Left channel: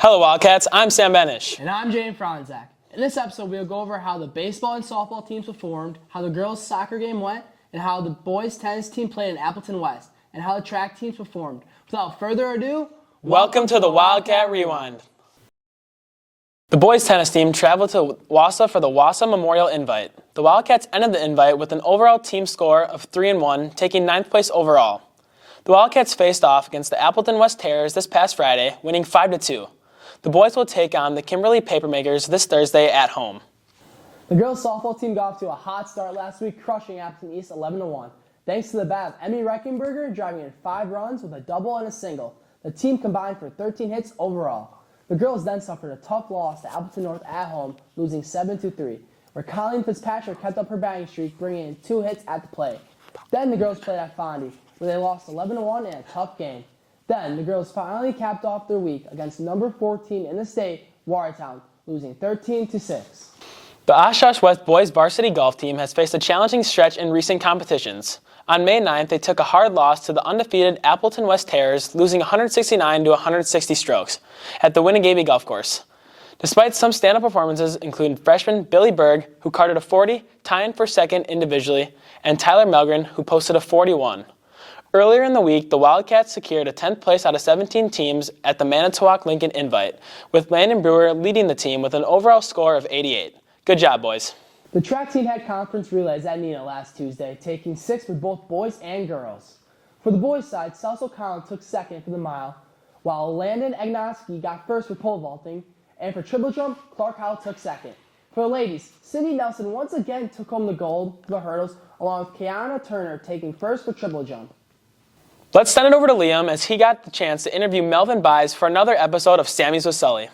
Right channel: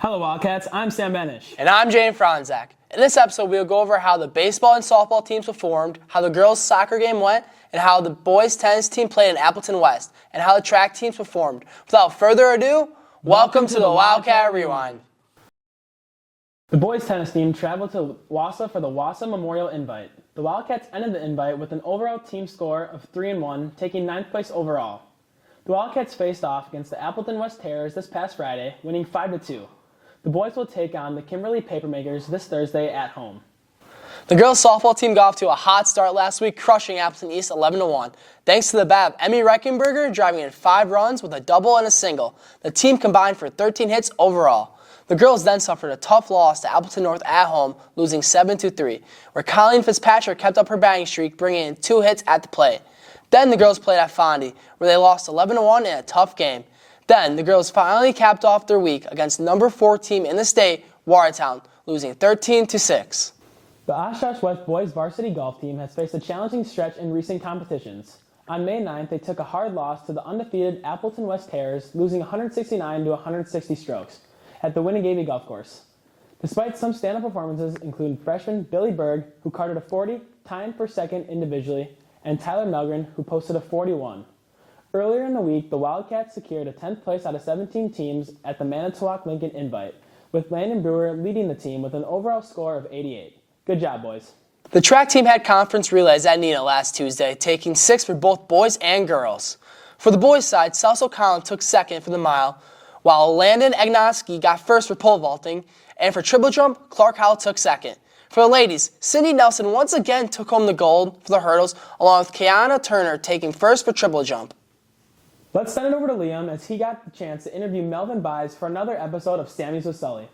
Hello, Wildcats. I'm Sam Benish. And I'm Jane Franzak. In this episode, we'll go over how the baseball and softball teams performed, how the girls' soccer game went, and how the boys' tennis team played in Appleton West, and how the track teams performed. Without further ado, welcome to the Wildcat Rewind. The boys' tennis team traveled to Wausau for the Wausau Memorial Invite. The Wildcats ended the invite with an overall team score of 3-1, taking 9th place overall. The Wildcats faced off against the Appleton West Terriers this past Friday, winning 5-2. The boys will take on the Kimberly Papermakers this Thursday at home. The girls' softball team got off to a hot start last week, crushing Appleton East 11-1. Thanks to the bat of Emmy Reckenberger driving in 5 runs with a double and a single. The team combined for 13 hits overall. The girls then suffered a tough loss to Appleton North at home, losing 7-3, where Colleen Fitzpatrick kept up her batting streak, bringing in 2 hits at the plate. Then the girls played at Fondy, where they lost 11-1 in a tough game. Then, the girls finally capped off their week against number 4 team in the state, Watertown, losing 13-6. The Oshkosh West boys varsity golf team has faced a challenging stretch in recent competitions. On May 9th, they took a hard loss to the undefeated Appleton West Terriers, losing 169 to 160 strokes at the Winnegaby Golf Course. Despite some stand-up performances, including freshman Billy Berg, who carded a 40, tying for second individually, and Tyler Melgren, who posted a 41. Earlier in the week, the Wildcats secured a 10th place out of 17 teams at the Manitowoc Lincoln Invite, with Landon Brewer leading the team with an overall score of 88. Good job, boys. The track team had conference relays at Neenah last Tuesday, taking 6 for both boys and girls. For the boys' side, South O'Connell took second for the mile, while Landon Agnoski got first for pole vaulting, and for triple jump, Clark Howell took second. For the ladies, Cindy Nelson once again took home the gold for the hurdles, along with Kiana Turner taking first for triple jump. Let's send it over to Liam as he got the chance to interview Melvin Byes for another episode of Sammy's with Sully.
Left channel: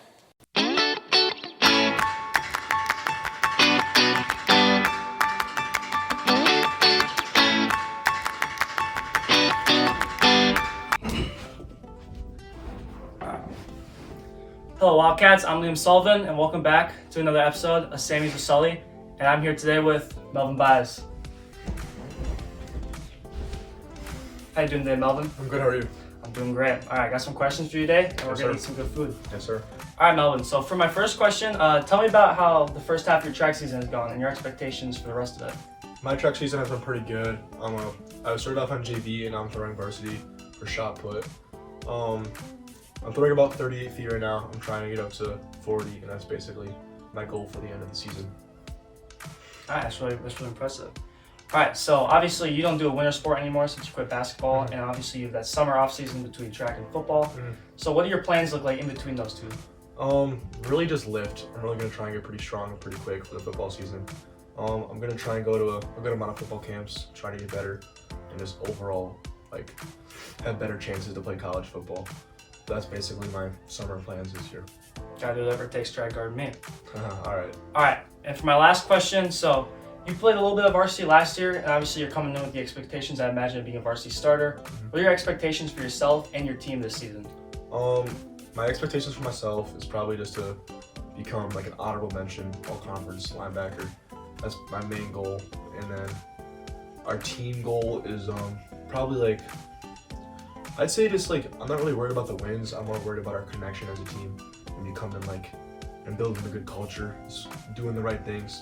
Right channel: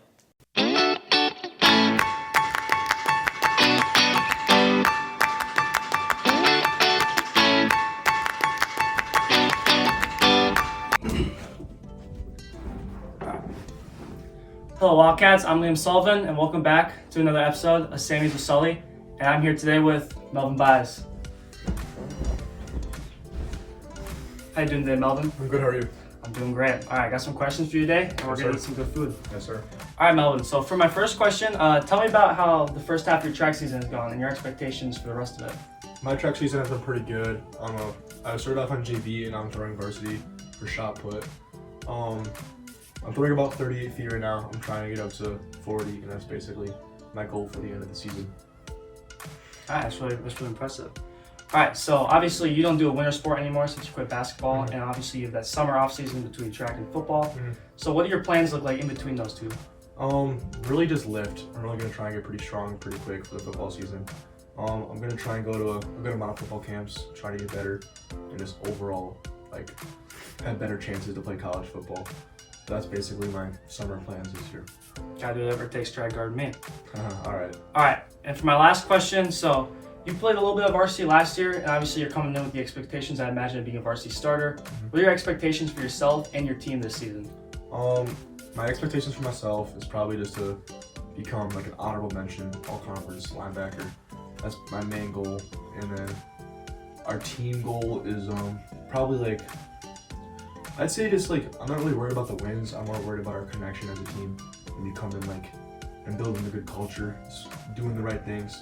Hello Wildcats, I'm Liam Sullivan and welcome back to another episode of Sammy's with Sully. And I'm here today with Melvin Byes. How you doing today, Melvin? I'm good, how are you? I'm doing great. All right, I got some questions for you today, and we're Yes, gonna sir. eat some good food. Yes, sir. All right, Melvin. So for my first question, tell me about how the first half of your track season has gone and your expectations for the rest of it. My track season has been pretty good. I started off on JV and now I'm throwing varsity for shot put. I'm throwing about 38 feet right now. I'm trying to get up to 40, and that's basically my goal for the end of the season. All right, that's really impressive. All right, so obviously you don't do a winter sport anymore since you quit basketball, and obviously you have that summer off season between track and football. So what do your plans look like in between those two? Really just lift. I'm really gonna try and get pretty strong pretty quick for the football season. I'm gonna try and go to a good amount of football camps, try to get better, and just overall have better chances to play college football. That's basically my summer plans this year. Gotta do whatever it takes to try to guard me. All right. All right, and for my last question, so you played a little bit of varsity last year, and obviously you're coming in with the expectations, I imagine, of being a varsity starter. What are your expectations for yourself and your team this season? My expectations for myself is probably just to become like an honorable mention all-conference linebacker. That's my main goal. And then our team goal is probably I'd say just I'm not really worried about the wins. I'm more worried about our connection as a team and becoming and building a good culture, just doing the right things.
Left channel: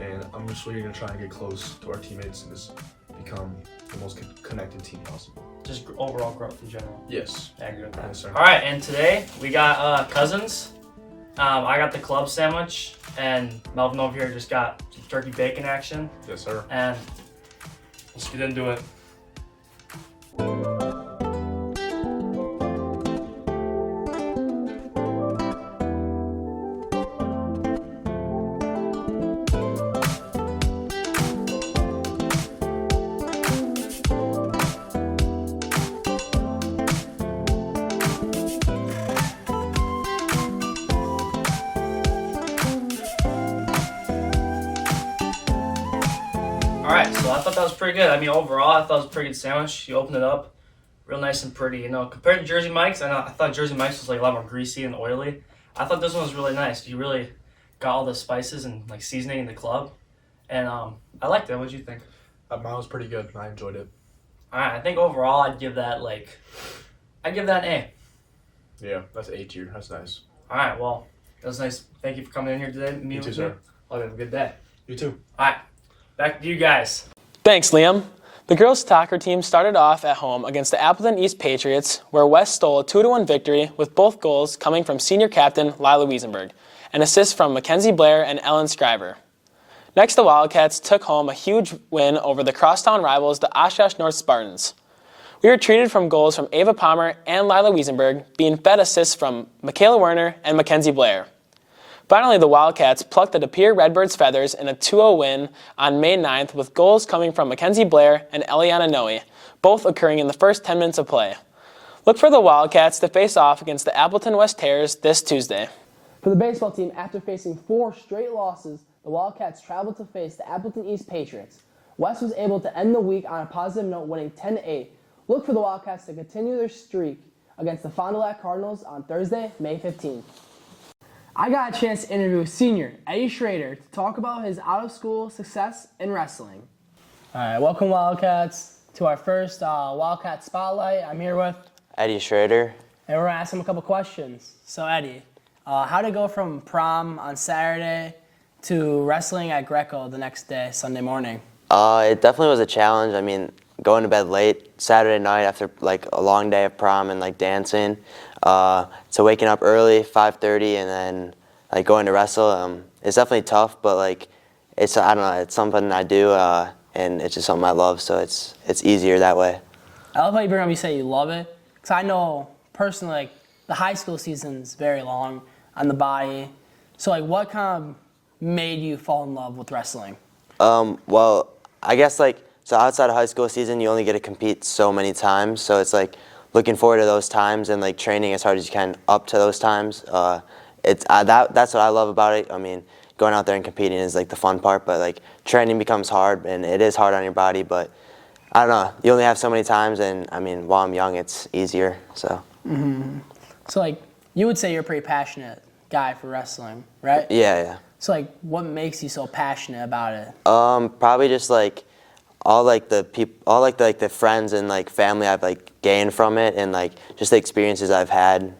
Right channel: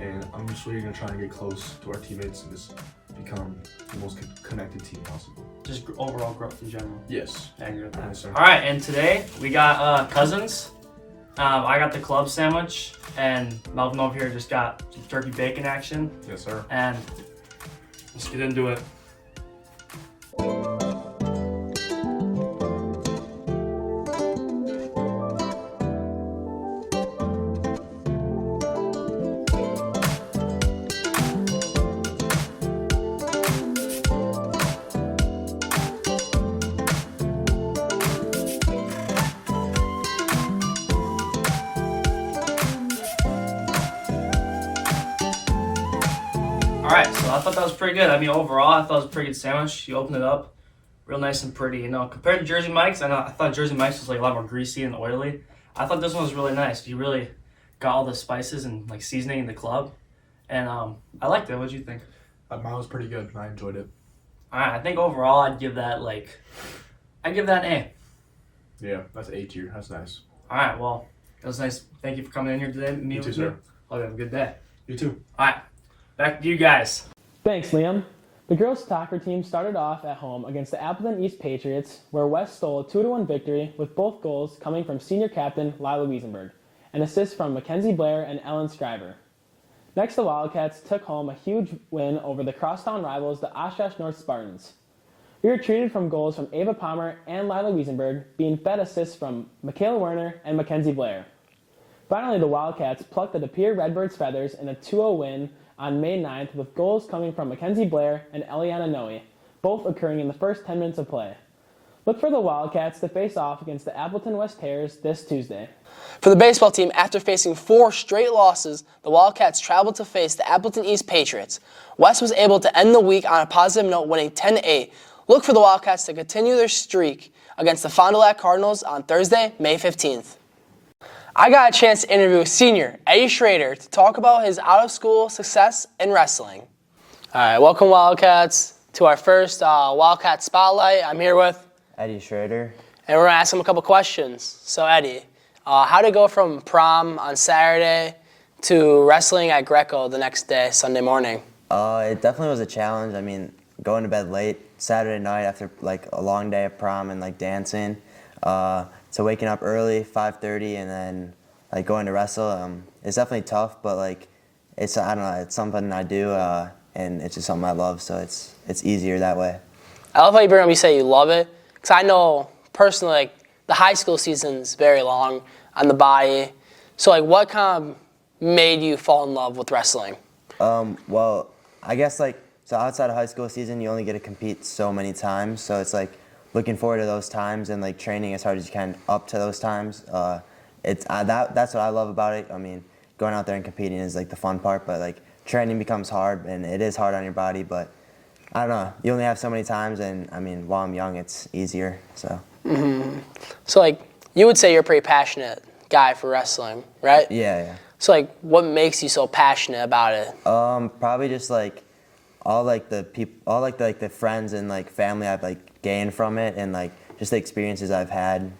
And I'm just really gonna try and get close to our teammates and just become the most connected team possible. Just overall growth in general. Yes. I agree with that. Yes, sir. All right, and today we got cousins. I got the club sandwich, and Melvin over here just got some turkey bacon action. Yes, sir. And let's get into it. All right, so I thought that was pretty good. I mean, overall, I thought it was a pretty good sandwich. You opened it up, real nice and pretty. You know, compared to Jersey Mike's, I thought Jersey Mike's was a lot more greasy and oily. I thought this one was really nice. You really got all the spices and seasoning in the club, and I liked it. What did you think? Mine was pretty good. I enjoyed it. All right, I think overall I'd give that an A. Yeah, that's A tier. That's nice. All right, well, it was nice. Thank you for coming in here today. You too, sir. Hope you have a good day. You too. All right, back to you guys. Thanks, Liam. The girls' soccer team started off at home against the Appleton East Patriots, where West stole a 2-1 victory with both goals coming from senior captain Lila Wiesenberg and assists from Mackenzie Blair and Ellen Scriver. Next, the Wildcats took home a huge win over the crosstown rivals, the Oshkosh North Spartans. We were treated from goals from Ava Palmer and Lila Wiesenberg, being fed assists from Michaela Werner and Mackenzie Blair. Finally, the Wildcats plucked the De Pere Redbirds' feathers in a 2-0 win on May 9th with goals coming from Mackenzie Blair and Eliana Noe, both occurring in the first 10 minutes of play. Look for the Wildcats to face off against the Appleton West Terriers this Tuesday. For the baseball team, after facing 4 straight losses, the Wildcats traveled to face the Appleton East Patriots. West was able to end the week on a positive note, winning 10-8. Look for the Wildcats to continue their streak against the Fond du Lac Cardinals on Thursday, May 15th. I got a chance to interview senior Eddie Schrader to talk about his out-of-school success in wrestling. All right, welcome Wildcats to our first Wildcat Spotlight. I'm here with Eddie Schrader. and we're gonna ask him a couple questions. So Eddie, how did it go from prom on Saturday to wrestling at Greco the next day, Sunday morning? It definitely was a challenge. I mean, going to bed late Saturday night after like a long day of prom and like dancing, to waking up early, 5:30, and then like going to wrestle. It's definitely tough, but like I don't know, it's something I do, and it's just something I love, so it's easier that way. I love how you bring up, you say you love it, because I know personally, like, the high school season's very long on the body. So like, what kind of made you fall in love with wrestling? Well, I guess like, so outside of high school season, you only get to compete so many times, so it's like looking forward to those times and like training as hard as you can up to those times. That's what I love about it. I mean, going out there and competing is like the fun part, but like training becomes hard, and it is hard on your body, but I don't know, you only have so many times, and I mean, while I'm young, it's easier, so. Mm-hmm. So like, you would say you're a pretty passionate guy for wrestling, right? Yeah. So like, what makes you so passionate about it? Probably just like all like the people, all like the friends and like family I've like gained from it, and like just the experiences I've had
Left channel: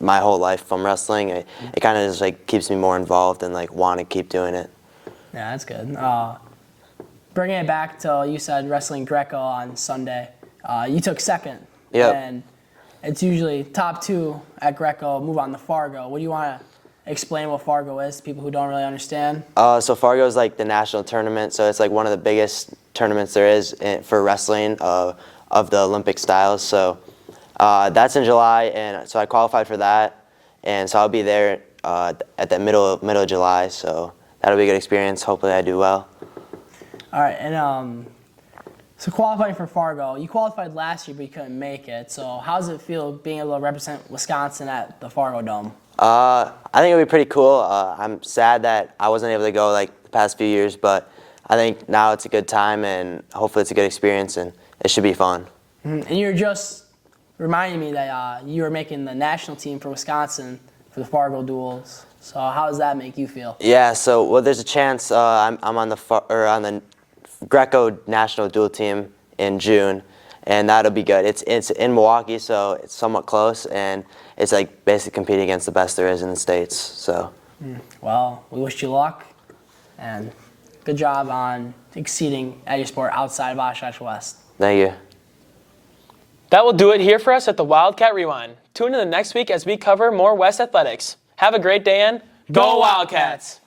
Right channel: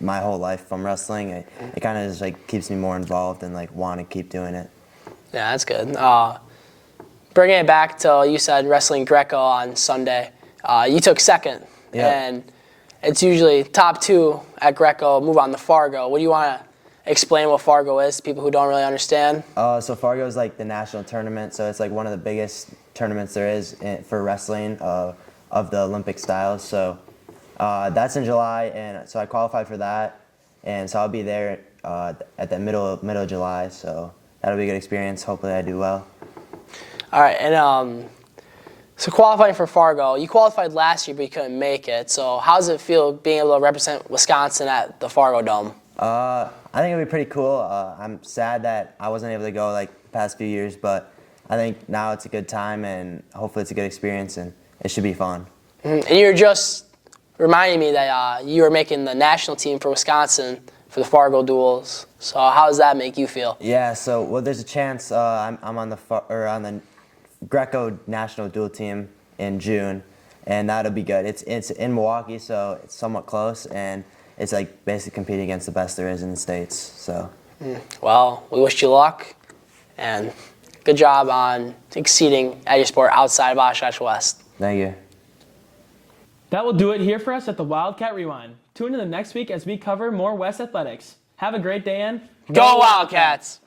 my whole life from wrestling. It kind of just like keeps me more involved and like want to keep doing it. Yeah, that's good. Bringing it back to, you said wrestling Greco on Sunday. You took second. Yeah. And it's usually top 2 at Greco, move on to Fargo. What do you want to explain what Fargo is to people who don't really understand? So Fargo is like the national tournament, so it's like one of the biggest tournaments there is for wrestling of the Olympic styles. So that's in July, and so I qualified for that, and so I'll be there at the middle of July. So that'll be a good experience. Hopefully, I do well. All right, and so qualifying for Fargo, you qualified last year, but you couldn't make it. So how does it feel being able to represent Wisconsin at the Fargo Dome? I think it'll be pretty cool. I'm sad that I wasn't able to go like the past few years, but I think now it's a good time, and hopefully it's a good experience, and it should be fun. Mm-hmm. And you're just reminding me that you were making the national team for Wisconsin for the Fargo duels. So how does that make you feel? Yeah. So well, there's a chance I'm on the Greco national dual team in June, and that'll be good. It's in Milwaukee, so it's somewhat close, and it's like basically competing against the best there is in the States. So. Well, we wish you luck, and good job on exceeding at your sport outside of Oshkosh West. Thank you. That will do it here for us at the Wildcat Rewind. Tune in the next week as we cover more West athletics. Have a great day, and Go Wildcats!